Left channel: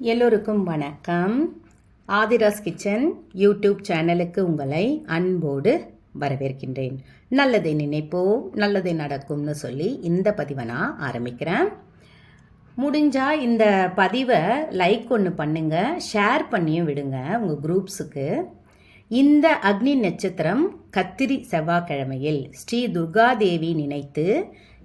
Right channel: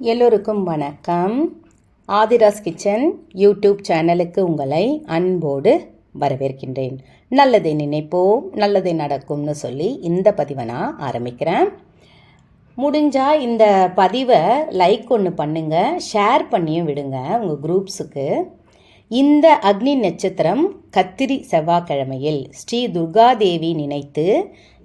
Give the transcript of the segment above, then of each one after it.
எல்லோருக்கும் வணக்கம். Aadhira's kitchen YouTube சேனலுக்கு உங்களை அன்போடு வரவேற்கின்றேன். நல்லதை நினைப்போம் நல்லதை நடக்கும்னு சொல்லி இந்த பதிவை நான் ஆரம்பிக்கிறேன். முடிஞ்சால் இந்த பதிவை லைக் ஒன்று பண்ணுங்க ஷேர் பண்ணியும் விடுங்க உங்கள் குரூப்ஸுக்கு இந்த அக்னி நட்சத்திரம் கத்திரி செவ்வாய்க்கிழமையில் ஸ்ரீ துர்காதேவி நினைத்து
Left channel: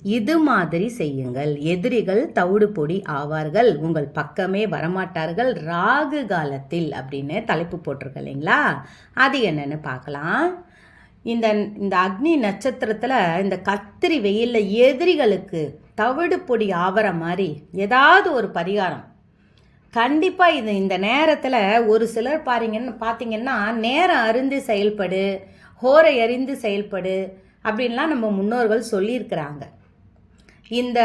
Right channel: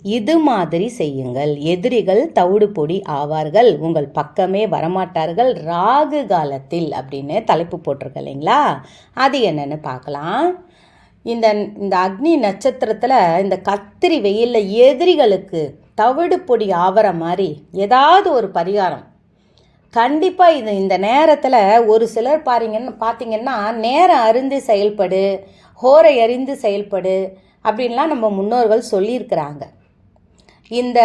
இது மாதிரி செய்யுங்கள். எதிரிகள் தவிடு பொடி ஆவார்கள். உங்கள் பக்கமே வரமாட்டார்கள். ராகு காலத்தில் அப்படின்னு தலைப்பு போட்டிருக்க இல்லைங்களா? அது என்னன்னு பார்க்கலாம். இந்த இந்த அக்னி நட்சத்திரத்தில் இந்த கத்திரி வெயிலில் எதிரிகளுக்கு தவிடு பொடி ஆவற மாதிரி ஏதாவது ஒரு பரிகாரம். கண்டிப்பாக இது இந்த நேரத்தில் ஒரு சிலர் பாருங்கன்னு பார்த்தீங்கன்னா நேரம் அருந்து செயல்படு ஹோரை அறிந்து செயல்படு அப்படின்லாம் நம்ம முன்னோர்கள் சொல்லியிருக்கிறாங்க. இந்த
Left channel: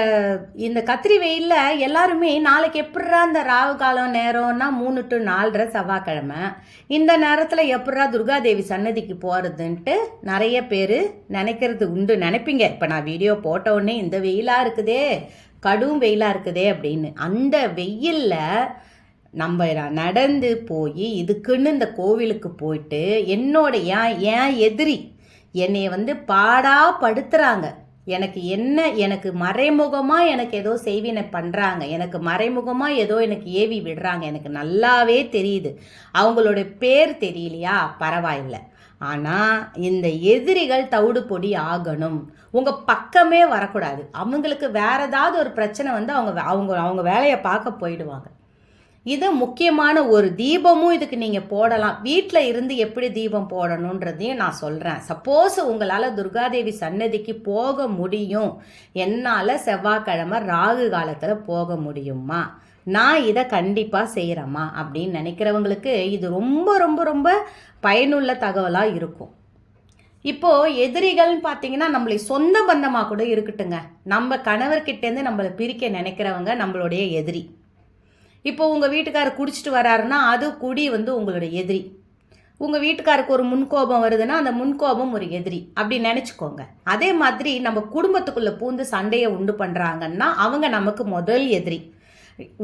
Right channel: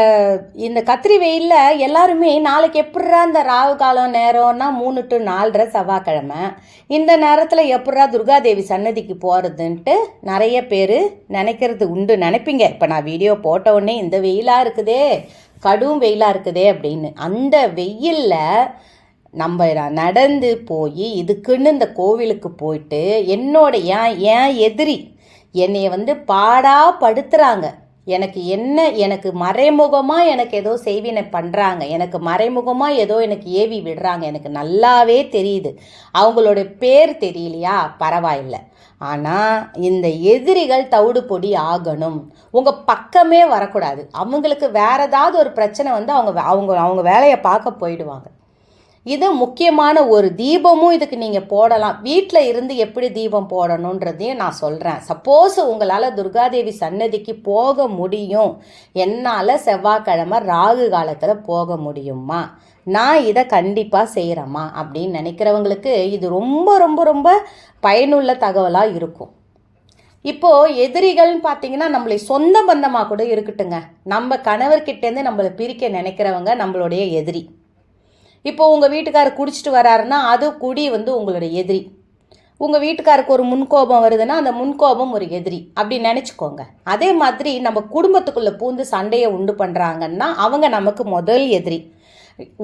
இந்த கத்திரி வெயிலில் எல்லாருமே நாளைக்கு எப்பட்றா இந்த ராவு காலம் நேரம்னா மூணு டு நாலரை செவ்வாய்க்கிழமை. இந்த நேரத்தில் எப்பட்றா துர்காதேவி சன்னதிக்கு போகிறதுன்ட்டு நிறைய பேர் நினைக்கிறது உண்டு. நினைப்பீங்க இப்போ நான் வீடியோ போட்ட உடனே இந்த வெயிலாக இருக்குதே கடும் வெயிலாக இருக்குதே அப்படின்னு. அந்த வெயிலில் நம்ம நடந்து போய் இதுக்குன்னு இந்த கோவிலுக்கு போயிட்டு என்னோட ஏன் ஏன் எதிரி என்னைய வந்து பாடா படுத்துகிறாங்க எனக்கு என்ன எனக்கு மறைமுகமாக எனக்கு ஏதோ செய்வினை பண்ணுறாங்க எனக்கு மறைமுகமாக ஏதோ எனக்கு ஏவி விடுறாங்க. எனக்கு நல்லாவே தெரியுது. அவங்களோட பேர் தெரியலையா? பரவாயில்லை. ஆனால் இந்த எதிரிகள் தவிடு பொடி ஆகணும். உங்கள் பக்கமே வரக்கூடாது. அவங்களுக்கு வேறு ஏதாவது ஒரு பிரச்சனை வந்து அவங்க அவங்க அவங்க வேலையை பார்க்க போயிடுவாங்க. இது முக்கியமான ஒரு தீபமும் இதுக்கு நீங்கள் போடலாம். வீட்டில் இருந்து எப்படி தீபம் போடணுன்றதையும் நான் சொல்கிறேன் சப்போஸ் உங்களால் துர்காதேவி சன்னதிக்கு போக முடியும். என்னால் செவ்வாய்க்கிழமை ராகு காலத்தில் போக முடியுமா? நான் இதை கண்டிப்பாக செய்கிறேம்மா அப்படின்னு நினைக்கிறவங்களுக்கு இது ரொம்ப ரொம்ப ரொம்ப பயனுள்ள தகவலாக இருக்கும். இப்போது எதிரிகள்னு பார்த்தீங்கன்னா நம்மளை சொந்த பந்தமாக கூட இருக்கட்டுங்க. நம்ம கணவர்கிட்டேருந்து நம்மளை பிரிக்க நினைக்கிறவங்க நம்மளுடைய எதிரி. இப்போ உங்கள் வீட்டுக்காரர் குடிச்சிட்டு வராருன்னா அது குடி வந்து உங்களோட எதிரி. உங்கள் வீட்டுக்காருக்கு ஒரு முன்கோபம் வருதுன்னா அந்த முன்கோபம் ஒரு எதிரி. அப்படி நினச்சிக்கோங்க. அதே மாதிரி நம்ம குடும்பத்துக்குள்ளே பூந்து சண்டையை உண்டு பண்ணுறாங்கன்னா அவங்க நமக்கு முதல் எதிரி.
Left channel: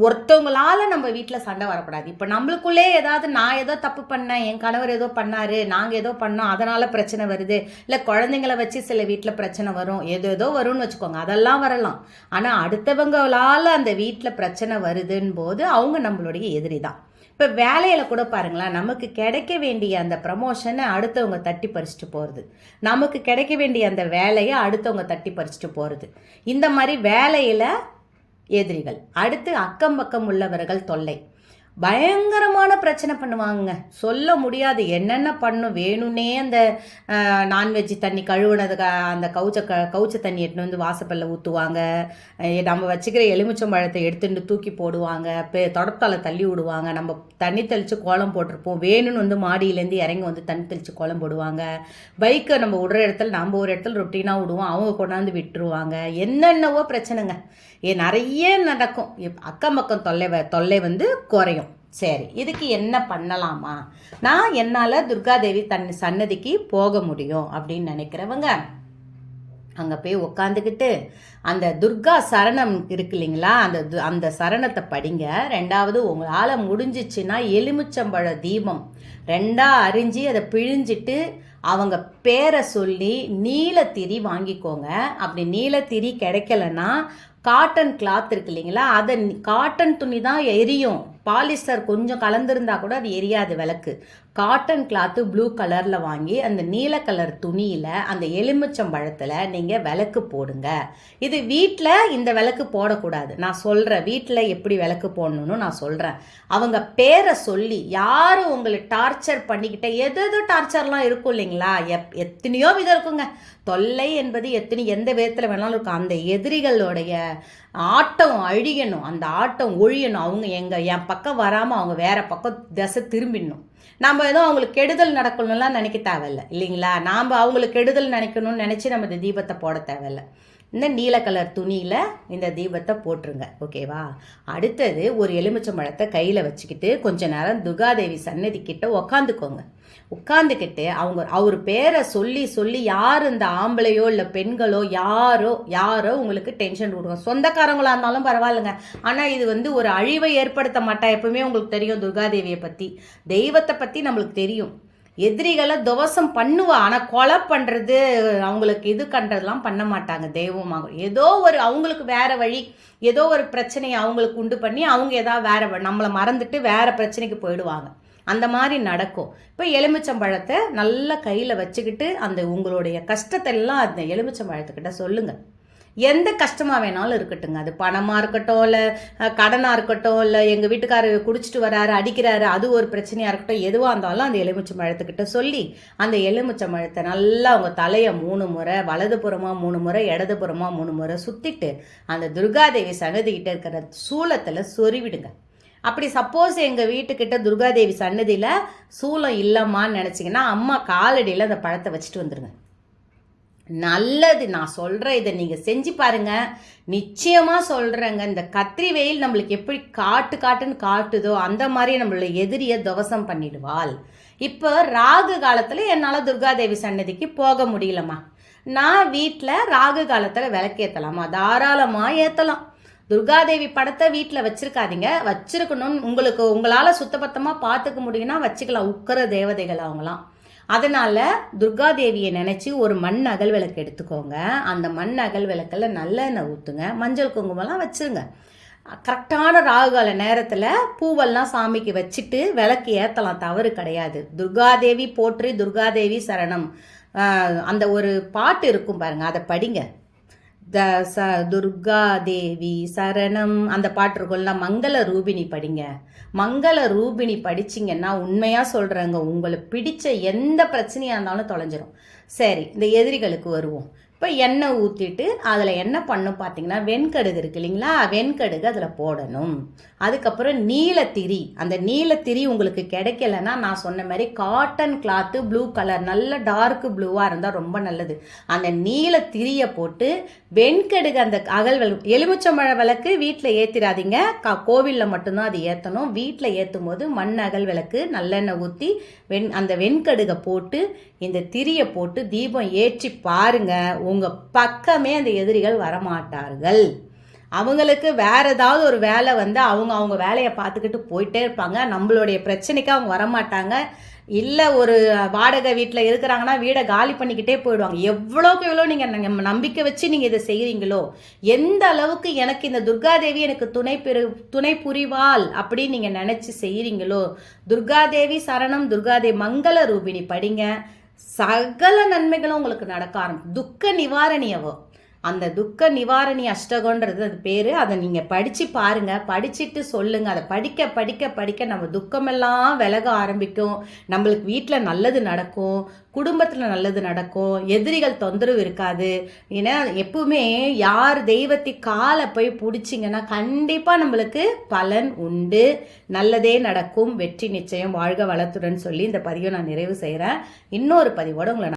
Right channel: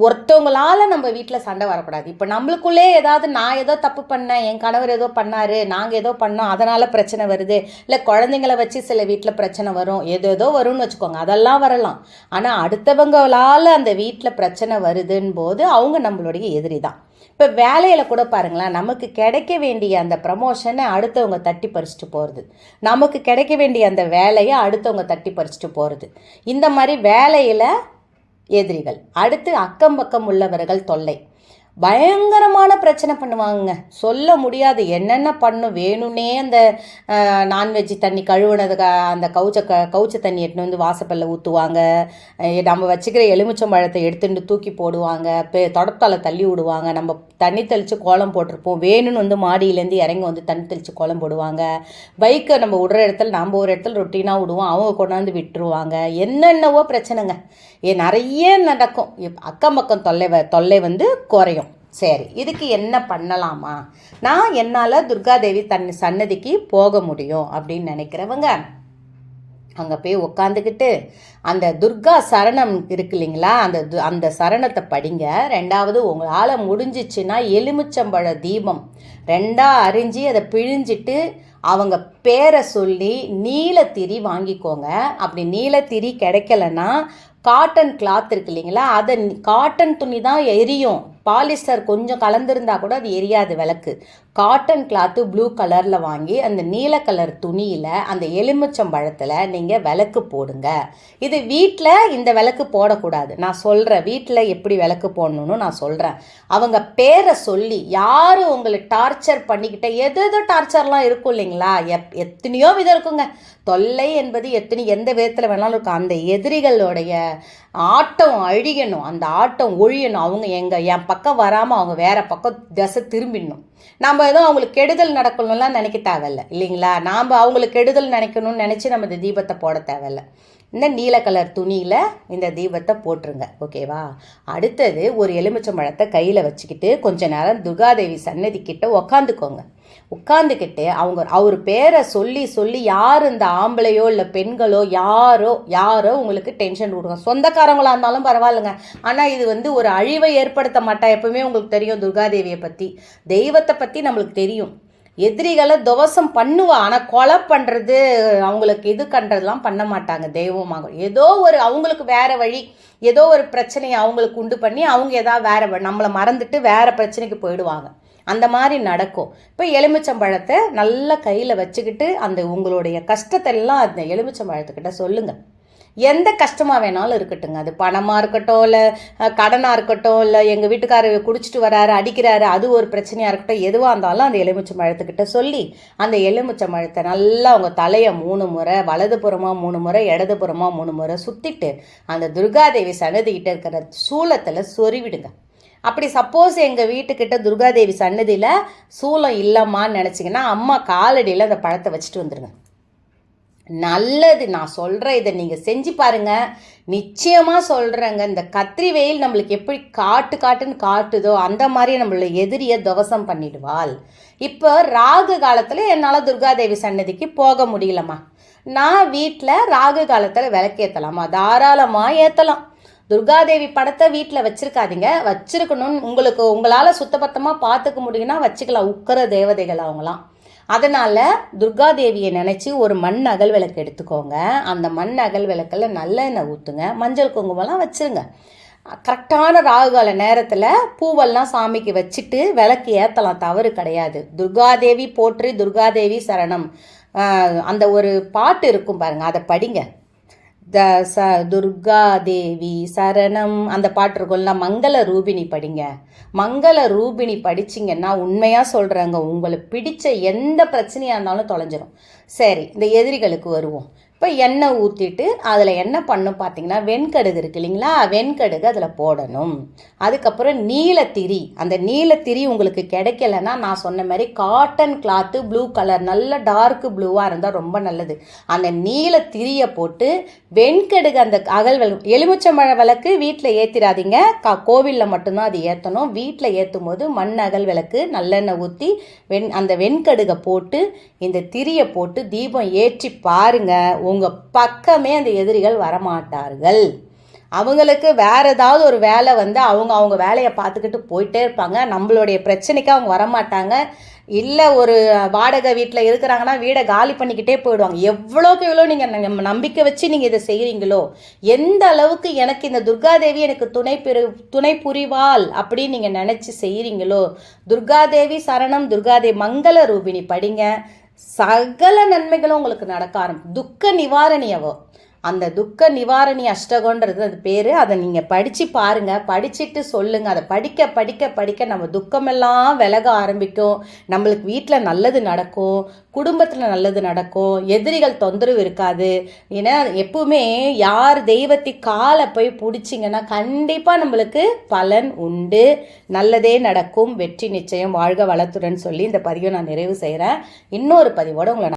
ஒருத்தவங்களால நம்ம வீட்டில் சண்டை வரக்கூடாது. இப்போ நம்மளுக்குள்ளே ஏதாவது நான் ஏதோ தப்பு பண்ணேன் என் கணவர் ஏதோ பண்ணாரு நாங்கள் ஏதோ பண்ணோம் அதனால் பிரச்சனை வருது. இல்லை குழந்தைங்கள வச்சு சில வீட்டில் பிரச்சனை வரும் ஏதோ ஏதோ வரும்னு வச்சுக்கோங்க அதெல்லாம் வரலாம். ஆனால் அடுத்தவங்களால் அந்த வீட்டில் பிரச்சனை வருதுன்னு போது அவங்க நம்மளுடைய எதிரி தான். இப்போ வேலையில் கூட பாருங்களேன் நமக்கு கிடைக்க வேண்டிய அந்த ப்ரமோஷனை அடுத்தவங்க தட்டி பறிச்சுட்டு போகிறது நமக்கு கிடைக்க வேண்டிய அந்த வேலையை அடுத்தவங்க தட்டி பறிச்சுட்டு போகிறது இந்த மாதிரி வேலையில் எதிரிகள். அடுத்து அக்கம் பக்கம் உள்ளவர்கள் தொல்லை. பயங்கரமான பிரச்சனை பண்ணுவாங்க சொல்ல முடியாது. என்னென்ன பண்ணும் வேணும்னே அந்த நான்வெஜ் தண்ணி கழுவுனதுக்கு அந்த கவுச்ச க கவுச்ச தண்ணி எடுத்துன்னு வந்து வாசப்பல்ல ஊற்றுவாங்க நம்ம வச்சுக்கிற எலுமிச்சம்பழத்தை எடுத்துட்டு தூக்கி போடுவாங்க. பெ தொடத்தால தள்ளி விடுவாங்க. நம்ம தண்ணி தெளித்து கோலம் போட்டிருப்போம். வேணும்னு வந்து மாடியிலேருந்து இறங்கி வந்து தண்ணி தெளித்து கோலம் போடுவாங்க. பைக்கை நம்ம விடுற இடத்துல நம்ம ஒரு இடத்துல ரொட்டீனாக விடுவோம். அவங்க கொண்டாந்து விட்டுருவாங்க. என்னென்னவோ பிரச்சனைங்க. ஏ நிறைய நடக்கும். அக்கம் பக்கம் தொல்லை தொல்லை வந்து குறையும். சரி இதுக்கு என்ன பண்ணலாமா? நான் என்னால் துர்காதேவி தன் சன்னதிக்கு போக முடியும் அப்படின்னு நினைக்கிறவங்க அங்கே போய் உக்காந்துக்கிட்டு அந்த துர்கா சரணம் இருக்கு இல்லைங்களா? அந்த அந்த சரணத்தை படிங்க. ரெண்டாவது உங்களால் முடிஞ்சிச்சுன்னா எலுமிச்சம்பழ தீபம் ரெண்டாக அரிஞ்சு அதை பிழிஞ்சிட்டு அவங்க பேரை சொல்லி நீலத்திரி வாங்கிக்கோங்க. அப்படி நீலத்திரி கிடைக்கலன்னா காட்டன் கிளாத் இருக்கு இல்லைங்களா? அதை காட்டன் துணி தான் எரியும். பாலிஸ்டர் கொஞ்சம் கலந்துருந்தா கூட அது எரியாது விளக்கு. காட்டன் கிளாத்து ப்ளூ கலரில் வாங்கி அந்த நீல கலர் துணியில் அந்த எலுமிச்சம்பழத்தில் நீங்கள் விளக்கு போடுங்க. இது வீட்டில் இந்த விளக்கு போடக்கூடாது. நான் சொல்கிறேன் வீட்டில் எப்படி விளக்கு போடணும்னு நான் சொல்கிறேன் அவங்க பேரை சொல்லி யார் உங்களை டார்ச்சர் பண்ணிக்கிட்ட எது எது டார்ச்சர்லாம் இருக்கும் இல்லைங்களா? எப் எத்தனையோ விதம் இருக்குங்க. தொல்லை என்பது எத்தனை எந்த விதத்தில் வேணாலும் இருக்கும். அந்த எதிரிகளுடைய ஆட்டம் அழியணும் அந்த ஆட்டம் ஒழியணும். அவங்க எங்கள் என் பக்கம் வராமல் அவங்க வேறு பக்கம் திசை திரும்பிடணும். நம்ம ஏதோ அவங்களுக்கு கெடுதல் நடக்கணும்லாம் நினைக்க தேவையில்ல இல்லைங்களா? நாம் அவங்களுக்கு கெடுதல் நினைக்கணும்னு நினச்சி நம்ம இந்த தீபத்தை போட தேவையில்ல. இந்த நீல கலர் துணியில் இந்த தீபத்தை போட்டுருங்க ஓகேவா? அடுத்தது ஒரு எலுமிச்சம்பழத்தை கையில் வச்சுக்கிட்டு கொஞ்ச நேரம் துர்காதேவி சன்னதி கிட்ட உக்காந்துக்கோங்க. உட்காந்துக்கிட்டு அவங்க அவர் பேரை சொல்லி சொல்லி யார் இந்த ஆம்பளையோ இல்லை பெண்களோ யாரோ யாரோ உங்களுக்கு டென்ஷன் கொடுக்கும். சொந்தக்காரங்களாக இருந்தாலும் பரவாயில்லைங்க. ஆனால் இது வந்து ஒரு அழிவை ஏற்படுத்த மாட்டா. எப்பவுமே உங்களுக்கு தெரியும் துர்காதேவியை பற்றி தெய்வத்தை பற்றி நம்மளுக்கு தெரியும். எதிரிகளை துவசம் பண்ணுவா. ஆனால் கொலை பண்ணுறது அவங்களுக்கு இது பண்ணுறதுலாம் பண்ண மாட்டாங்க தெய்வமாக. ஏதோ ஒரு அவங்களுக்கு வேறு வழி ஏதோ ஒரு பிரச்சனையை அவங்களுக்கு உண்டு பண்ணி அவங்க ஏதாவது வேறு நம்மளை மறந்துட்டு வேறு பிரச்சனைக்கு போயிடுவாங்க. அந்த மாதிரி நடக்கும். இப்போ எலுமிச்சம்பழத்தை நல்லா கையில் வச்சுக்கிட்டு அந்த உங்களுடைய கஷ்டத்தை எல்லாம் அந்த எலுமிச்சம்பழத்துக்கிட்ட சொல்லுங்கள் எந்த கஷ்டமாக வேணாலும் இருக்கட்டுங்க. அது பணமாக இருக்கட்டும் இல்லை கடனாக இருக்கட்டும் இல்லை எங்கள் வீட்டுக்காரர் குடிச்சிட்டு வராரு அடிக்கிறாரு அது ஒரு பிரச்சனையாக இருக்கட்டும் எதுவாக இருந்தாலும் அந்த எலுமிச்சை மழத்துக்கிட்ட சொல்லி அந்த எலுமிச்சை மழத்தை நல்லா அவங்க தலையை மூணு முறை வலதுபுறமாக மூணு முறை இடதுபுறமாக மூணு முறை சுற்றிட்டு அந்த துர்காதேவி சன்னதிக்கிட்ட இருக்கிற சூலத்தில் சொறிவிடுங்க அப்படி சப்போஸ் எங்கள் வீட்டுக்கிட்ட துர்காதேவி சன்னதியில் சூலம் இல்லைம்மான்னு நினச்சிங்கன்னா அம்மா காலடியில் அந்த பழத்தை வச்சுட்டு வந்துடுங்க நல்லது நான் சொல்கிறேன் இதை நீங்கள் செஞ்சு பாருங்கள் நிச்சயமாக சொல்கிறேங்க இந்த கத்திரி வெயில் நம்மளுக்கு எப்படி காட்டு காட்டுன்னு காட்டுதோ அந்த மாதிரி நம்மளோட எதிரியை துவசம் பண்ணிடுவாள். இப்போ ராகு காலத்தில் என்னால் துர்காதேவி சன்னதிக்கு போக முடியலம்மா. நான் வீட்டில் ராகு காலத்தில் விளக்கேற்றலாமா தாராளமாக ஏற்றலாம் துர்காதேவி படத்தை வீட்டில் வச்சுருக்காதீங்க. வச்சுருக்கணும்னு உங்களுக்கு உங்களால் சுத்தபத்தமாக பார்த்துக்க முடியும்னா வச்சுக்கலாம். உக்கிற தேவதைகள் அவங்களாம் அதனால் துர்காதேவியை நினச்சி ஒரு மண் அகல் விளக்கு எடுத்துக்கோங்க. அந்த மண் அகல் விளக்கில் நல்லெண்ணெய் ஊற்றுங்க மஞ்சள் குங்குமம்லாம் வச்சுருங்க. கரெக்டான ராகுகால நேரத்தில் பூவெல்லாம் சாமிக்கு வச்சுட்டு விளக்கு ஏற்றலாம் தவறு கிடையாது. துர்காதேவி போற்றி துர்காதேவி சரணம். அந்த ஒரு பாட்டு இருக்கும் பாருங்கள் அதை படிங்க. த ச துர்கா தேவி சரணம். அந்த பாட்டு இருக்கும்ல மங்கள ரூபினி படிங்க. மங்கள ரூபினி படிச்சிங்கன்னா உண்மையாக சொல்கிறாங்க உங்களுக்கு பிடிச்ச எந்த பிரச்சனையாக இருந்தாலும் தொலைஞ்சிரும். சரி இந்த எதிரிகளுக்கு வருவோம். இப்போ எண்ணெய் ஊற்றிட்டு அதில் என்ன பண்ணும் பார்த்தீங்கன்னா வெண்கடுகு இருக்கு இல்லைங்களா? வெண்கடுகு அதில் போடணும். அதுக்கப்புறம் நீலத்திரி. அந்த நீலத்திரி உங்களுக்கு கிடைக்கலன்னா நான் சொன்ன மாதிரி காட்டன் கிளாத்து ப்ளூ கலர் நல்ல டார்க் ப்ளூவாக இருந்தால் ரொம்ப நல்லது. அந்த நீலத்திரியை போட்டு வெண்கடுகு அந்த அகல் வெள் எலுமிச்சம்பழ விளக்கு வீட்டில் ஏற்றிடாதீங்க கா கோவிலில் மட்டும்தான் அது ஏற்றணும் வீட்டில் ஏற்றும் போது மண் அகல் விளக்கு நல்லெண்ணெய் ஊற்றி வெண் அந்த வெண்கடுகை போட்டு இந்த திரியை போட்டு தீபம் ஏற்றி பாருங்கள் உங்கள் பக்கமே அந்த எதிரிகள் வரமாட்டார்கள். அவங்களுக்கு வேறு ஏதாவது ஒரு வேலை வந்து அவங்க அவங்க வேலையை பார்த்துக்கிட்டு போயிட்டே இருப்பாங்க. நம்மளுடைய பிரச்சனைக்கு அவங்க வரமாட்டாங்க. இல்லை ஒரு வாடகை வீட்டில் இருக்கிறாங்கன்னா வீடை காலி பண்ணிக்கிட்டே போயிடுவாங்க. எவ்வளோக்கு எவ்வளோ நீங்கள் நம்பிக்கை வச்சு நீங்கள் இதை செய்கிறீங்களோ எந்த அளவுக்கு எனக்கு இந்த துர்காதேவி எனக்கு துணை பெரு துணை புரிவாள் அப்படின்னு நீங்கள் நினச்சி செய்கிறீங்களோ துர்காதேவி சரணம் துர்காதேவி மங்கள ரூபிணி படிங்க. சகல நன்மைகளும் உங்களுக்கு நடக்க ஆரம்பிக்கும். துக்க நிவாரணி அந்த துக்க நிவாரணி அஷ்டகோன்றது அது பேர். அதை நீங்கள் படித்து பாருங்கள் படிச்சுட்டு சொல்லுங்கள் அதை படிக்க படிக்க படிக்க நம்ம துக்கமெல்லாம் விலக ஆரம்பிக்கும். நம்மளுக்கு வீட்டில் நல்லது நடக்கும். குடும்பத்தில் நல்லது நடக்கும். எதிரிகள் தொந்தரவு இருக்காது. ஏன்னா எப்பவுமே யார் தெய்வத்தை காலை போய் பிடிச்சிங்கன்னா கண்டிப்பாக நம்மளுக்கு பலன் உண்டு. நல்லதே நடக்கும். வெற்றி நிச்சயம். வாழ்க வளத்துடன் சொல்லி இந்த பதிவை நான் நிறைவு செய்கிறேன் இன்னொரு பதிவோடு உங்களை